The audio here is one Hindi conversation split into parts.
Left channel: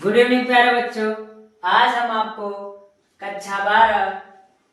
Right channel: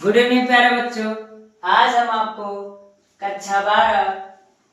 गुड इवनिंग प्यारे बच्चों। आज हम आपको कक्षा 12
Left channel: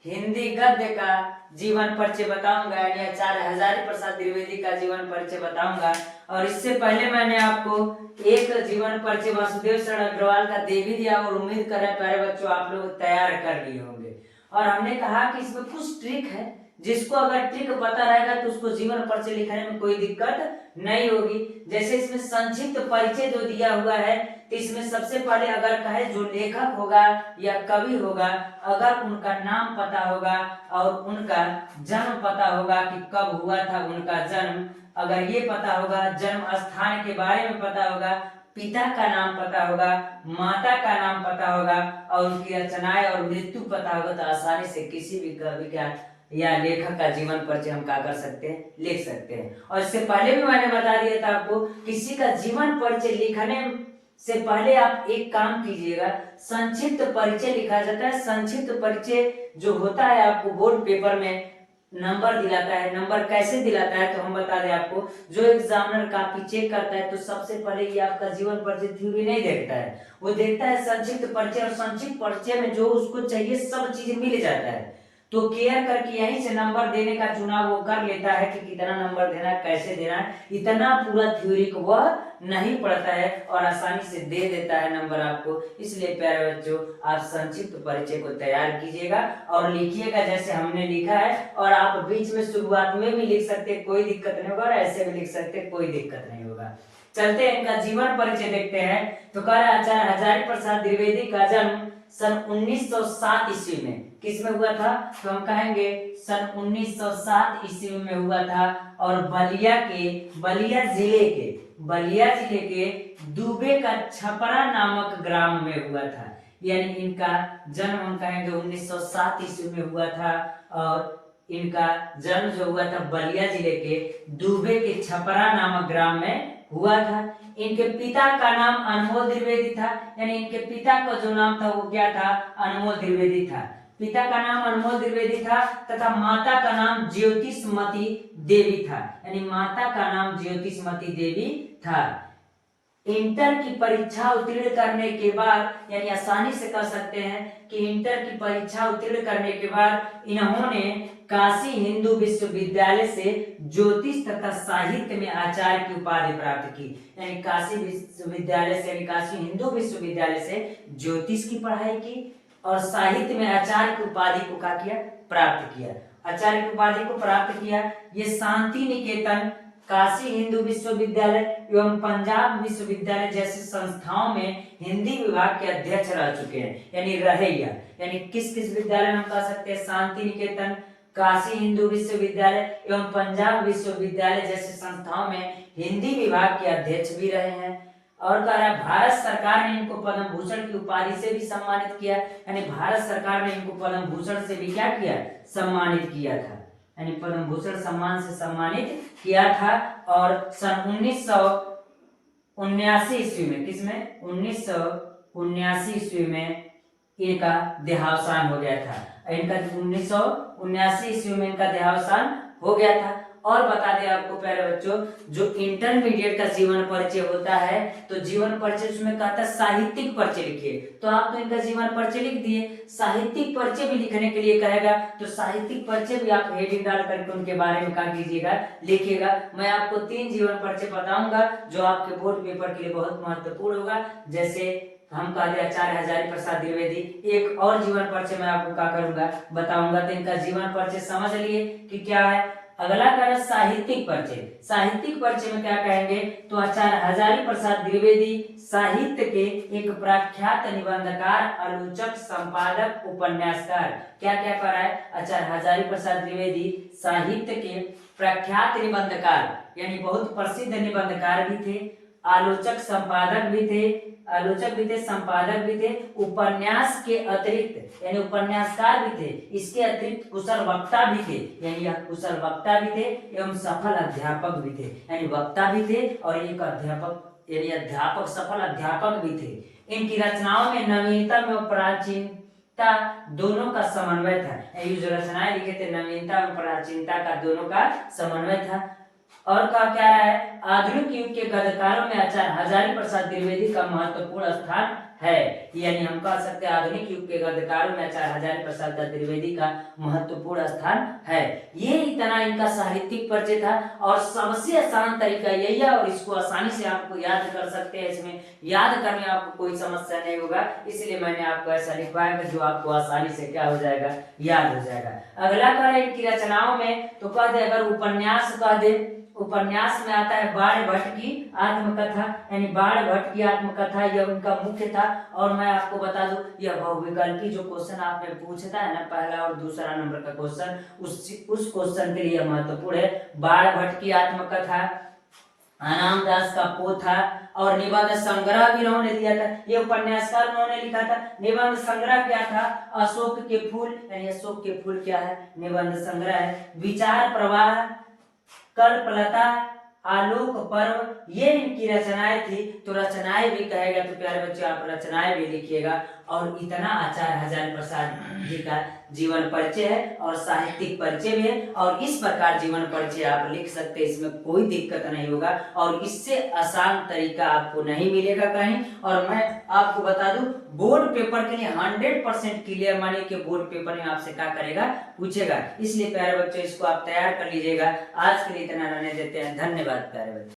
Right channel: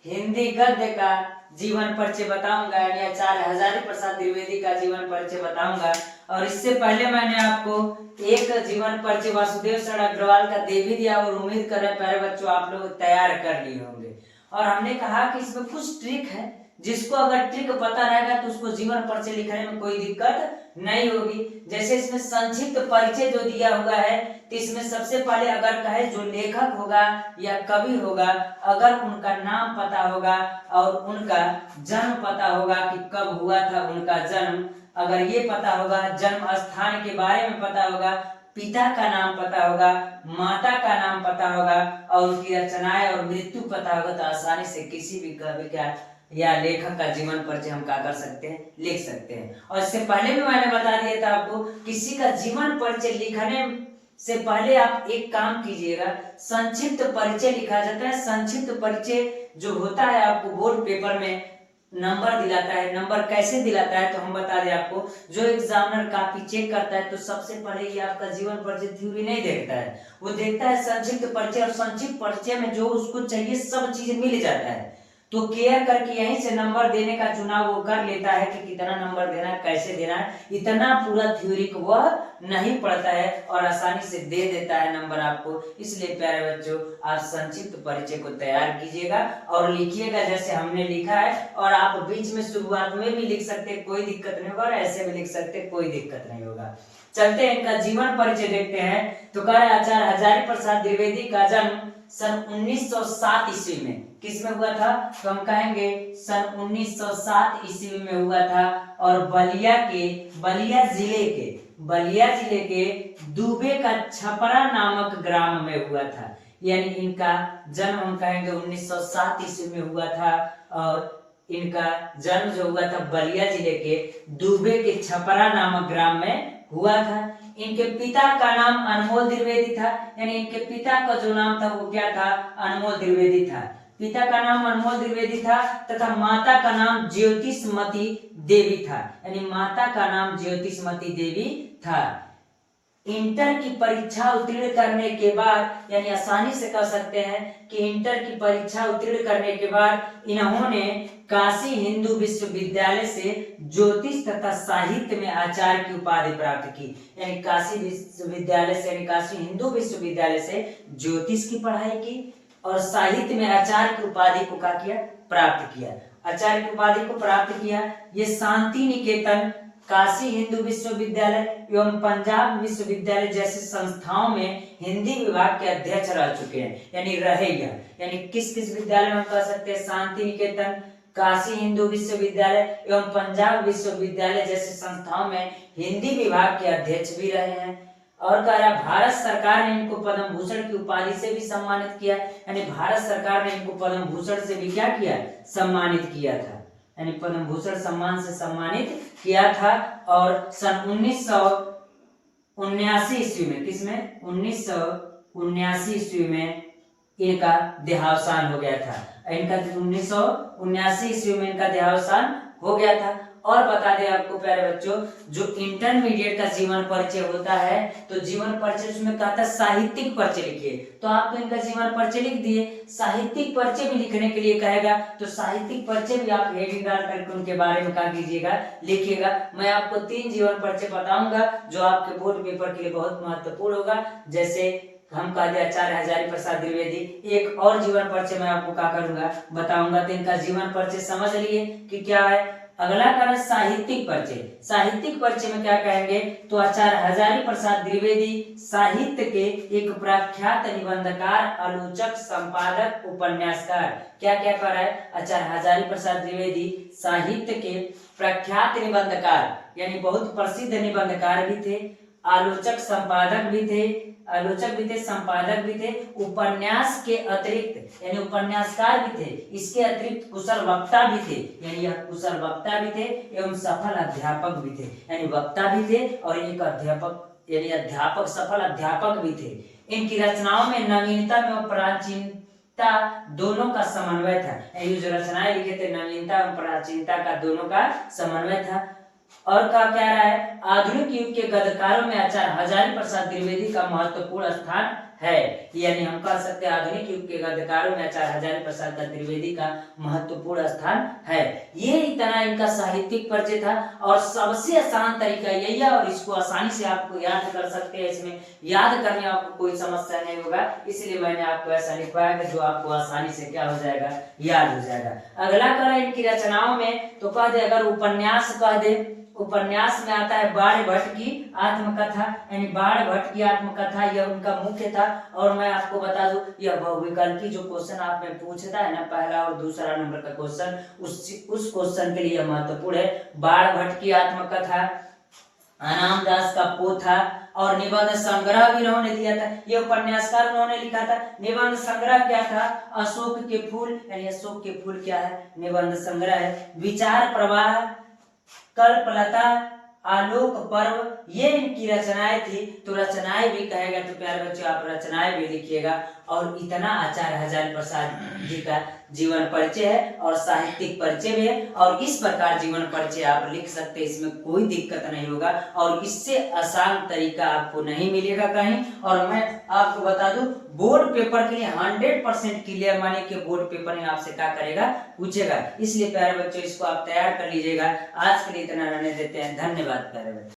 हिंदी गद्य का जीवन परिचय बताऊंगा, यानी आचार्य हजारी प्रसाद द्विवेदी का जीवन परिचय बताऊंगा। और इससे पहले मैंने आपको एक जीवन परिचय वासुदेव शरण अग्रवाल का दे भी दिया और उम्मीद कर रहे हैं प्यारे बच्चों आप लोग तैयार कर लिए होंगे। और हमने कहा कि इसमें कुछ ट्रिक है, जिसको अगर ट्रिक पता रहेगा तो उसको जीवन परिचय लिखने में कोई दिक्कत नहीं होगी। जैसे इसमें संक्षिप्त परिचय जो दिया हुआ है, तो इसमें सबसे पहले अगर कहे जो लेखक होगा या कवि होगा, अगर उनका नाम पता होगा और उनका जन्म पता होगा कि कब हुआ था उनका जन्म, अगर ये पता होगा, जन्म स्थान के बारे में पता होगा, पिता का नाम पता होगा, माता का नाम पता होगा और उनकी रचनाएं और मृत्यु पता होगा, तो आसानी से किसी भी कवि का या लेखक का जीवन परिचय हम क्या कर सकते हैं, लिख सकते हैं। और इससे पहले भी मैंने बता दिया था आपको, किसी का जीवन परिचय लिखने से पहले आप एक काम कीजिएगा, संक्षिप्त परिचय लिखा जाता है। संक्षिप्त परिचय जो होता है आपको बोर्ड पेपर में नंबर दिलाता है। नंबर कैसे दिलाता है तो हम बता दें आपको, जो एग्जामिनर काफी चेक करता है तो सबसे पहले ये आपका जीवन परिचय थ्योरी नहीं देखता है, वो देखता है संक्षिप्त परिचय। और संक्षिप्त परिचय में जो उसको चाहिए सब चीजें मिल जाता है, तो केयर करके यहीं से नंबर देने का चुनाव वो कर लेता है कि कितना नंबर देना है, कैसे देना है। इतना पूरा थ्योरी को वह नहीं पढ़ता है और आसानी से दे देता है नंबर आपको। इसलिए प्यारे बच्चों आप संक्षिप्त परिचय को तैयार कीजिएगा और लिखिएगा जैसे हमने लिखा है। और आप बीच में शुरुआत में भी लिख सकते, कोई दिक्कत नहीं होगा, और ऐसे भी लिख सकते, कोई दिक्कत नहीं होगा। चलते हैं इनका जीवन परिचय देखते हैं। तो कह रहा है आचार्य हजारी प्रसाद द्विवेदी का जन्म सन 1907 ईस्वी में किसमें हुआ था, तो हम कहेंगे सन 1907 ईस्वी में हुआ था। और बलिया जिले के दूबे का छपरा नामक ग्राम में हुआ था। यानी इनका जन्म हम कहेंगे 1907 ईस्वी में हुआ था। और इनका जन्म जो हुआ था बलिया जिले के दूबे के छपरा नामक ग्राम में हुआ था। इनके पिता का नाम अनमोल द्विवेदी था, यानी इनके पिता का जो नाम था वो क्या था, अनमोल द्विवेदी था। पिता का नाम अनमोल द्विवेदी था तथा माता का नाम ज्योतिषमती देवी था, यानी माता का नाम ज्योतिषमती देवी था। इंटर की परीक्षा उत्तीर्ण करने के बाद, यानी आसानी से कह सकते हैं कि इंटर की परीक्षा उत्तीर्ण करने के बाद इन्होंने काशी हिंदू विश्वविद्यालय से ज्योतिष तथा साहित्य में आचार्य की उपाधि प्राप्त की। यानी काशी विश्वविद्यालय से, यानी काशी हिंदू विश्वविद्यालय से ज्योतिष की पढ़ाई की और साहित्य में आचार्य की उपाधि को क्या किया, प्राप्त किया। आचार्य की उपाधि को प्राप्त किया। ये शांति निकेतन, काशी हिंदू विश्वविद्यालय एवं पंजाब विश्वविद्यालय जैसे संस्थाओं में हिंदी विभाग के अध्यक्ष रह चुके हैं, यानी रहेगा। यानी किस किस विद्यालय में हम कह सकते हैं, शांति निकेतन, काशी हिंदू विश्वविद्यालय एवं पंजाब विश्वविद्यालय जैसे संस्थाओं में हिंदी विभाग के अध्यक्ष भी रहे हैं। और कह रहा भारत सरकार ने इनको पद्म भूषण की उपाधि से भी सम्मानित किया, यानी भारत सरकार ने इनको पद्म भूषण से भी क्या किया, सम्मानित किया था, यानी पद्म भूषण सम्मान से सम्मानित किया था। और सन 1979 ईस्वी में, किसमें, 1979 ईस्वी में इनका देहावसान हो गया था। इनका 1979 ईस्वी में इनका देहावसान हो गया था। और बता दें आपको प्यारे बच्चों, जो इंटरमीडिएट का जीवन परिचय होता है, तो जीवन परिचय उसमें कहता है साहित्यिक परिचय लिखिए, तो आप तो इनका जीवन परिचय लिख दिए। साहित्यिक परिचय भी लिखने के लिए कहेगा तो साहित्यिक परिचय भी आप हेडिंग डाल करके उनके बारे में क्या कीजिएगा, लिखिएगा। मैं आपको 3 जीवन परिचय बताऊंगा जो आपके बोर्ड पेपर के लिए बहुत महत्वपूर्ण होगा। जैसे हम कहते आचार्य हजारी प्रसाद द्विवेदी, एक और जीवन परिचय मैं आपको क्या करूंगा, बताऊंगा। तो इनका जीवन परिचय समझ लिए कि क्या है। अगला कारण साहित्यिक परिचय। साहित्यिक परिचय में क्या कहेंगे, तो आचार्य हजारी प्रसाद द्विवेदी साहित्य के एक प्रख्यात निबंधकार, आलोचक, संपादक, उपन्यासकार। क्या क्या कर रहा है, आचार्य हजारी प्रसाद द्विवेदी साहित्य के प्रख्यात निबंधकार, यानी बहुत प्रसिद्ध निबंधकार भी थे, आलोचक भी थे, संपादक भी थे, उपन्यास के अतिरिक्त यानी उपन्यासकार भी थे, इसके अतिरिक्त कुशल वक्ता भी थे, यानी यह कुशल वक्ता भी थे एवं सफल अध्यापक भी थे, यानी वक्ता भी थे और एक अध्यापक, यानी अध्यापक, सफल अध्यापक भी थे। इनकी रचनाओं में नवीनता में प्राचीनता दोनों का समन्वय था। ये जो रचनाएं लिखे थे, नवीनता और प्राचीनता का दोनों का समन्वय था। और क्या कह रहा है, आधुनिक युग के गद्यकारों में आचार्य हजारी प्रसाद द्विवेदी का महत्वपूर्ण स्थान है। यानी हम कह सकते हैं आधुनिक युग के गद्यकारों में आचार्य हजारी प्रसाद द्विवेदी का महत्वपूर्ण स्थान है। ये इतना इनका साहित्यिक परिचय था और सबसे आसान तरीका यही है और इसको आसानी से आपको याद कर सकते हैं। इसमें याद करने में आपको कोई समस्या नहीं होगा, इसलिए मैंने आपको ऐसा लिखवाया कि जो आपको आसानी से क्या हो जाएगा, याद हो जाएगा। अगला करें इनकी रचनाओं में तो कह दे, अगर उपन्यास कह दे, उपन्यास में आता है बाण भट्ट की आत्मकथा, यानी बाण भट्ट की आत्मकथा यह उनका मुख्य था। और मैं आपको बता दूं यह बहुविकल्पी जो क्वेश्चन आपने पूछता है ना, पहला और दूसरा नंबर का क्वेश्चन, उस क्वेश्चन के लिए महत्वपूर्ण है। बाण भट्ट की आत्मकथा, अनाम दास का पोथा और निबंध संग्रह भी उन्होंने दिया था। ये उपन्यासकार उन्होंने लिखा था। निबंध संग्रह क्या था, अशोक के फूल, यानी अशोक के फूल क्या है, निबंध संग्रह है। विचार प्रवाह, कल्पलता, आलोक पर्व, ये इनकी रचनाएं थी। तो रचनाएं भी कहेगा तो प्यारे बच्चों आप रचनाएं भी लिखिएगा। और इतना आचार्य हजारी प्रसाद जी का जीवन परिचय है और साहित्यिक परिचय भी है। और इस प्रकार जीवन परिचय आप लिख सकते हैं, इसमें कोई दिक्कत नहीं होगा और इससे आसान तरीका आपको नहीं मिलेगा कहीं। और मैं आपको बता दूं बोर्ड पेपर के लिए 100% क्लियर मानिए कि बोर्ड पेपर में आपसे क्या करेगा, पूछेगा। इसलिए प्यारे बच्चों इसको आप तैयार कर लीजिएगा। आज के लिए इतना रहने देते हैं। धन्यवाद प्यारे बच्चों।